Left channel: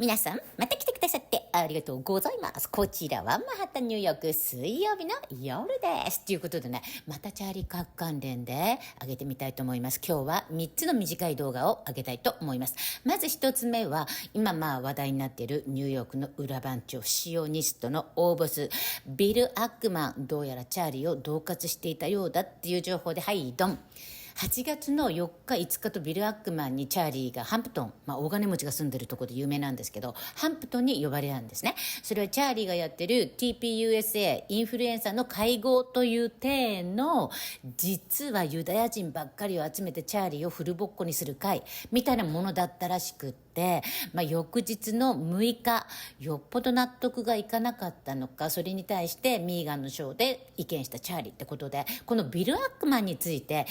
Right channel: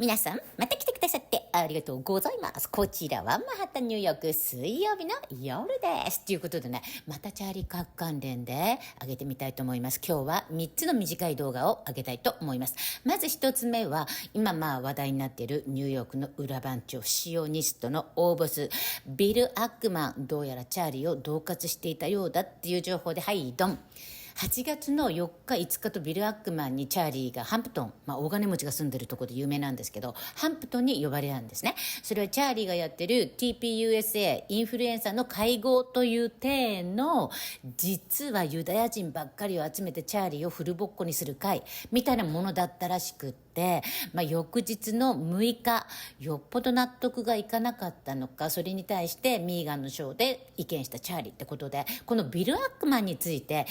皆さん、また来てくださってありがとうございます。こちらはマンハッタンニューヨーク水曜日の夜です。ということでね、またチャーリーカーク関連で上げてみたいと思います。今日は3つの短い動画を上げたいと思います。まず1つ目は、今話題になっているニューヨークの裏番長、シオニストの大ボス、ビル・アックマン、どうやらチャーリーを恫喝していたようだっていう情報で、はい、ドン。8月の4日、5日とビル・アックマンにチャーリーがハンプトン、大金持ちが住んでるところで有名なんですけど、ハンプトンに呼ばれたんですね。それはチャーリーがやってる TPUSA、インフルエンサーの会合という体の、実はユダヤ人ばっかりを集めてチャーリーをフルボッコにする会、みたいなものだったらしくって、翌日の6日、よっぽど納得がいかなかったのか、それに対してミーガンのショーで意見したチャーリーってことで、このビル・アックマンについて、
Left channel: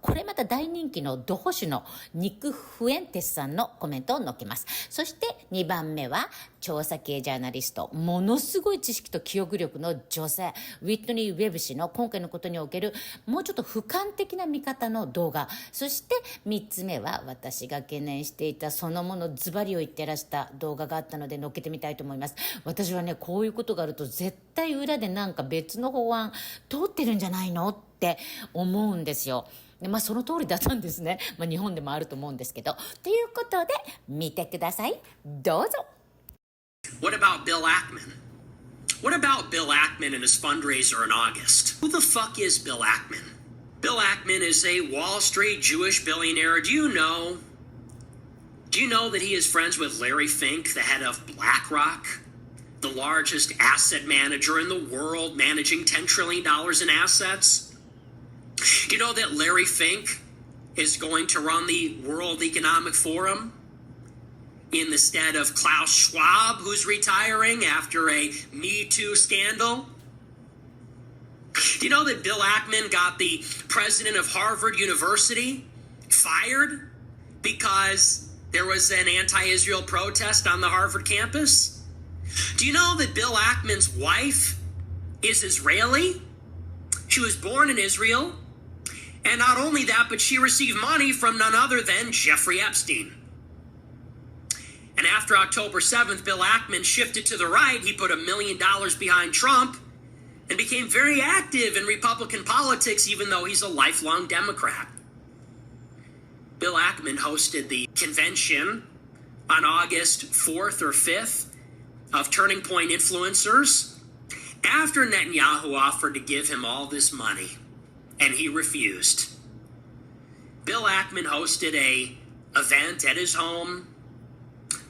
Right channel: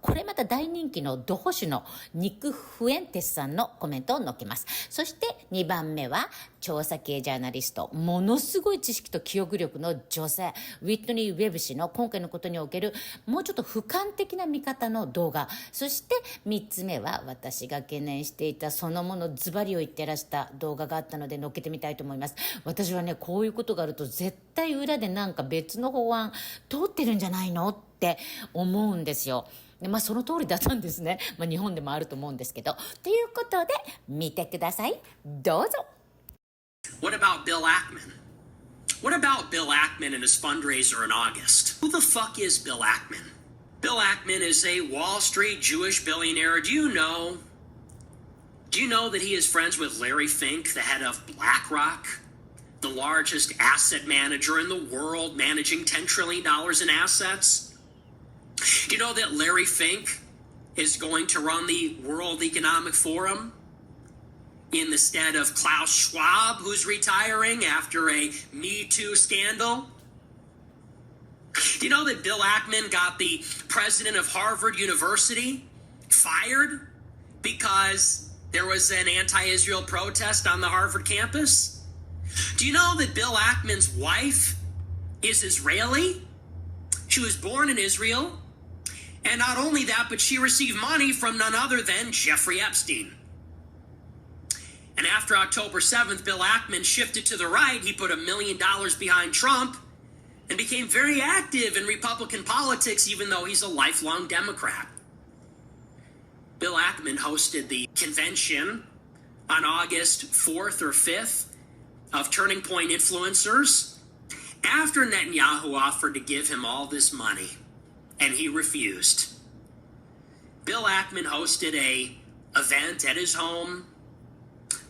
これまた大人気のド保守のニック・フエンテスさんのコメントを載っけます。そして2番目は調査系ジャーナリスト、ものすごい知識と記憶力の女性、ウィットニー・ウェブ氏の今回のことにおけるもうちょっと俯瞰的な見方の動画。そして3つ目は私が懸念していたそのものズバリを言ってらした動画があったので載っけてみたいと思います。私はね、こういうことがあると絶対裏でなんか別の法案通ってるんじゃないのって思うんですよ。でその通りだったんですね。日本でもあると思うんですけど。ということで見てください。どうぞ。What about Bill Ackman? What about Bill Ackman and his fundraiser in August? Who the fuck is Bill Ackman? Bill Ackman is a Wall Street Jewish billionaire. Do you know that he is friends with Larry Fink, the head of BlackRock, the largest asset manager in the world, managing $10 trillion in assets? Do you know that Larry Fink is going to run the World Economic Forum in the stead of Klaus Schwab, who's retiring after a Me Too scandal? Do you know that Bill Ackman got the president of Harvard University fired because there was an anti-Israel protest on the Harvard campus? Do you know that Bill Ackman's wife is Israeli? She was born in Israel. And not only that, but she received money from none other than Jeffrey Epstein. And after October 7th, Bill Ackman shifted to the right. He put $1 million behind Trump and became very active in Republican politics, even though he's a lifelong Democrat. Bill Ackman hosted the convention on August 4th or 5th of Turning Point Influencers after Netanyahu offered to give him all this money. And he refused. Bill Ackman hosted an event at his home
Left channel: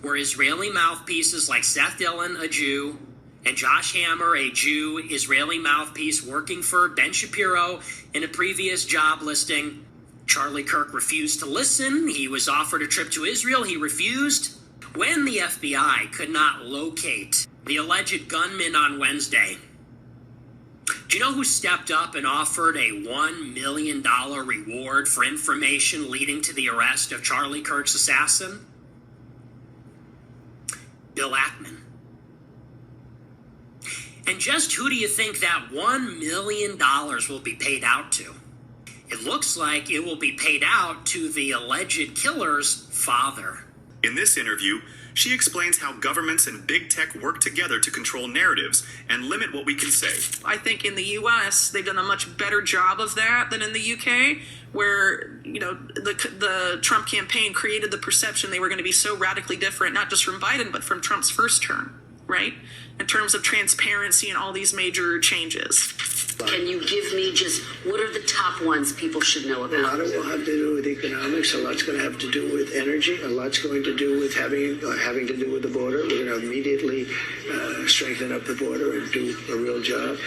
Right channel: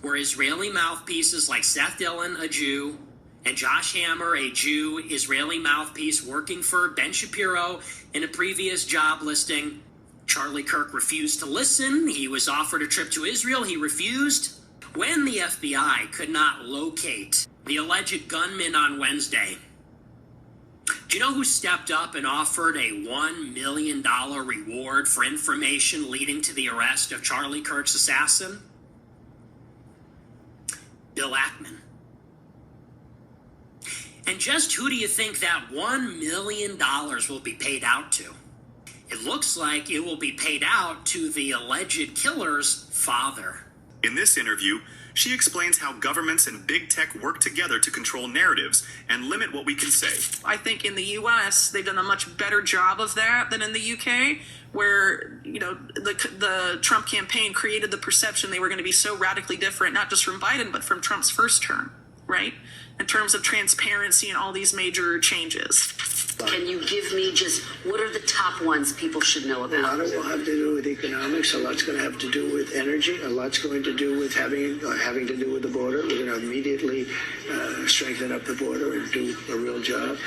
where Israeli mouthpieces like Seth Dillon, a Jew, and Josh Hammer, a Jew Israeli mouthpiece working for Ben Shapiro in a previous job listing. Charlie Kirk refused to listen. He was offered a trip to Israel. He refused. When the FBI could not locate the alleged gunman on Wednesday, do you know who stepped up and offered a $1 million reward for information leading to the arrest of Charlie Kirk's assassin? Bill Ackman. And just who do you think that $1 million will be paid out to? It looks like it will be paid out to the alleged killer's father. In this interview, she explains how governments and big tech work together to control narratives and limit what we can say. I think in the U.S., they've done a much better job of that than in the U.K., where, the Trump campaign created the perception they were going to be so radically different, not just from Biden, but from Trump's first term, right? In terms of transparency and all these major changes. Can you give me just what are the top ones people should know about? A lot of it will have to do with economics. A lot's going to have to do with energy. A lot's going to do with having to do with the border. We're going to immediately strengthen up the border and do a real job.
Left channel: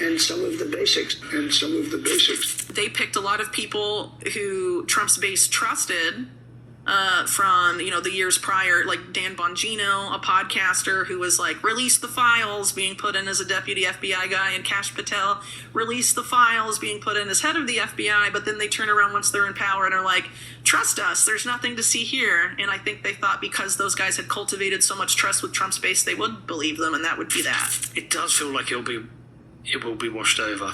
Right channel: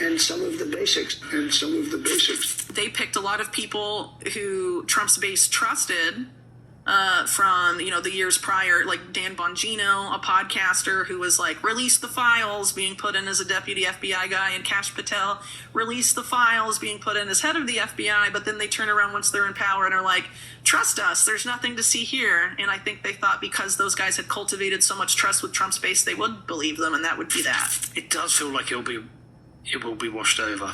And some of the basics. They picked a lot of people who Trump's base trusted. From, the years prior, like Dan Bongino, a podcaster who was like, release the files, being put in as a deputy FBI guy, and Kash Patel, release the files, being put in as head of the FBI, but then they turn around once they're in power and are like, trust us, there's nothing to see here. And I think they thought because those guys had cultivated so much trust with Trump's base, they would believe them, and that would be that. It does feel like it will be washed over.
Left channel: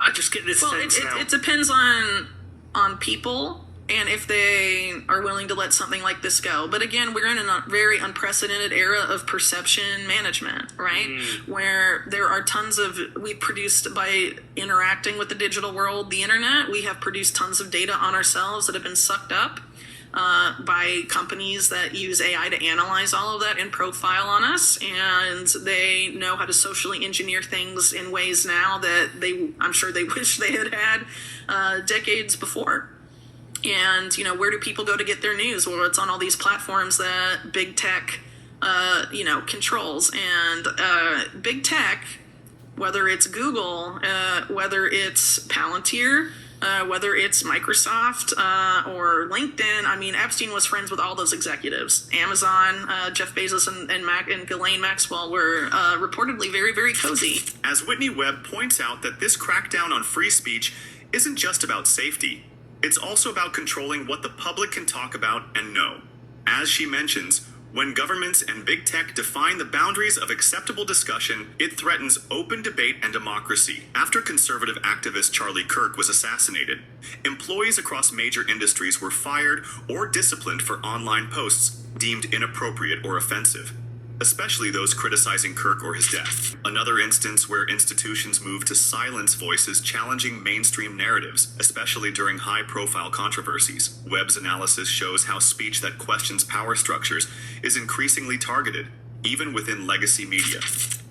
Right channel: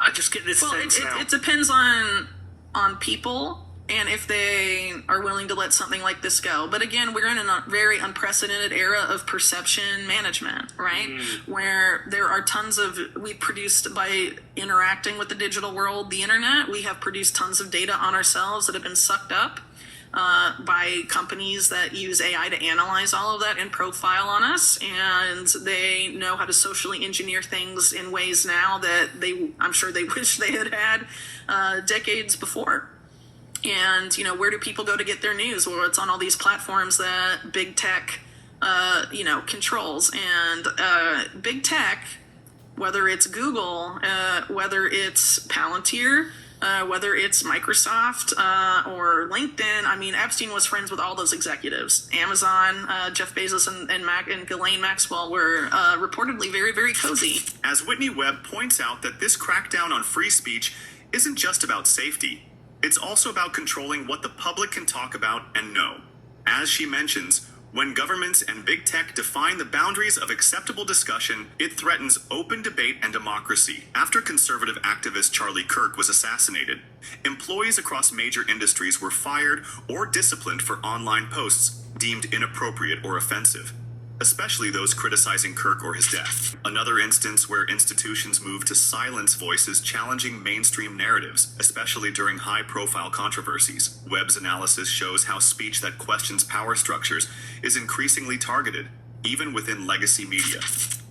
I just get this sense now. It depends on people. and if they are willing to let something like this go. But again, we're in a very unprecedented era of perception management, right? Where there are tons of, we produced by interacting with the digital world, the internet, we have produced tons of data on ourselves that have been sucked up by companies that use AI to analyze all of that and profile on us, and they know how to socially engineer things in ways now that I'm sure they wish they had decades before. And, where do people go to get their news? Well, it's on all these platforms that big tech, controls. And big tech, whether it's Google, whether it's Palantir, whether it's Microsoft or LinkedIn. I mean, Epstein was friends with all those executives. Amazon, Jeff Bezos and Ghislaine Maxwell were reportedly very, very cozy. As Whitney Webb points out that this crackdown on free speech isn't just about safety. It's also about controlling what the public can talk about and know. As she mentions, when governments and big tech define the boundaries of acceptable discussion, it threatens open debate and democracy. After conservative activist Charlie Kirk was assassinated, employees across major industries were fired or disciplined for online posts deemed inappropriate or offensive, especially those criticizing Kirk or his death. Another instance where institutions move to silence voices challenging mainstream narratives, especially during high-profile controversies. Webb's analysis shows how speech that questions power structures is increasingly targeted, even within legacy media.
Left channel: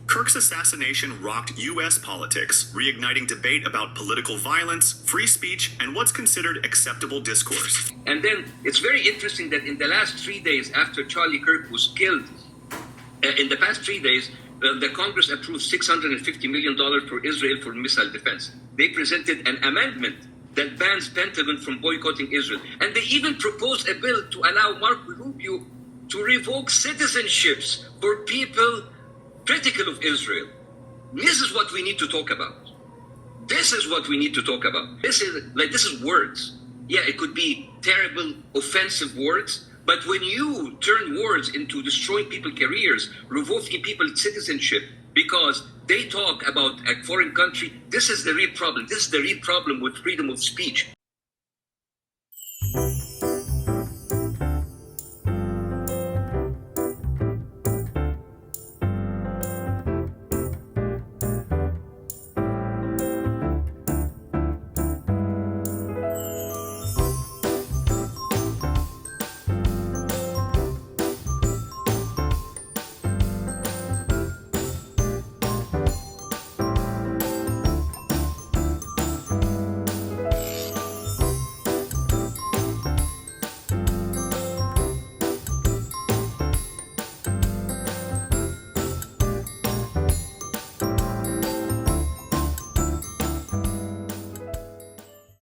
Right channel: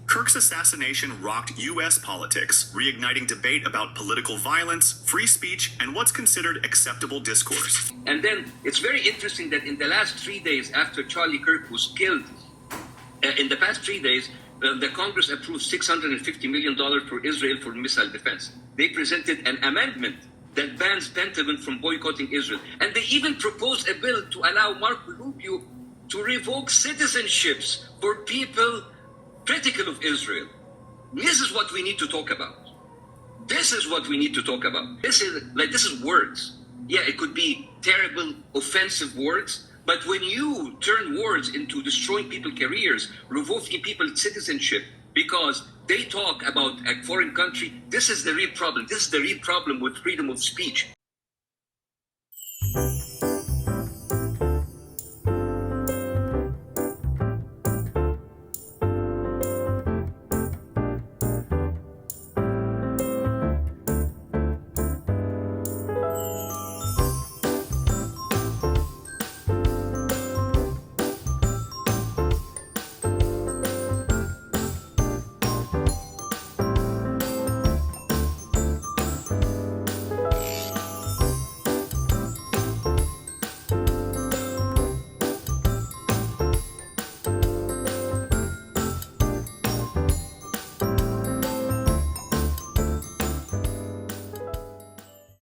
Kirk's assassination rocked U.S. politics, reigniting debate about political violence, free speech, and what's considered acceptable discourse. And then it's very interesting that in the last 3 days after Charlie Kirk was killed, in the past 3 days, the Congress approved $650 million for Israel for missile defense. They presented an amendment that bans Pentagon from boycotting Israel. And they even proposed a bill to allow Marco Rubio to revoke citizenships for people critical of Israel. This is what we need to talk about. This is what we need to talk about. This is words. Yeah, it could be terrible, offensive words, but when you turn words into destroying people's careers, revoking people's citizenship because they talk about a foreign country, this is the real problem. This is the real problem with freedom of speech.